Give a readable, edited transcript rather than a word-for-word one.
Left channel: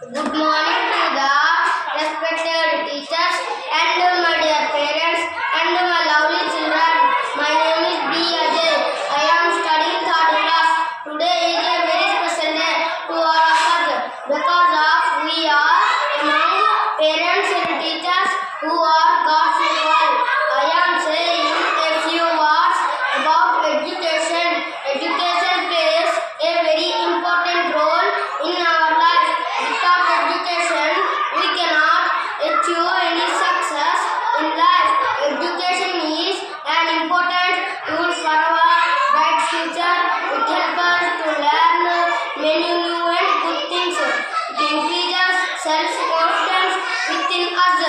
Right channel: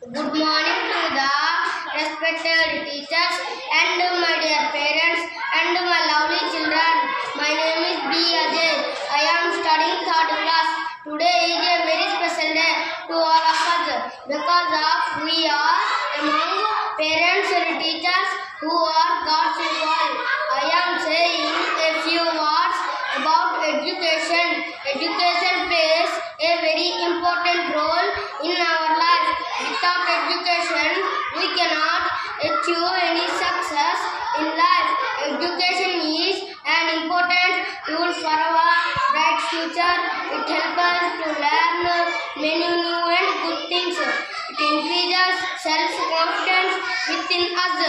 Good morning to the respected teachers and my dear parents and my lovely children. My name is B. Ajay. I am studying 3rd class. Today is a very special day to all of us because we are among parents and teachers who are God's equal. I am saying a few words about education. Education plays a very important role in our life. Without education, we cannot achieve any success in life. Education is an important tool for our bright future. It helps us to learn many new and good things. It increases self-confidence within us.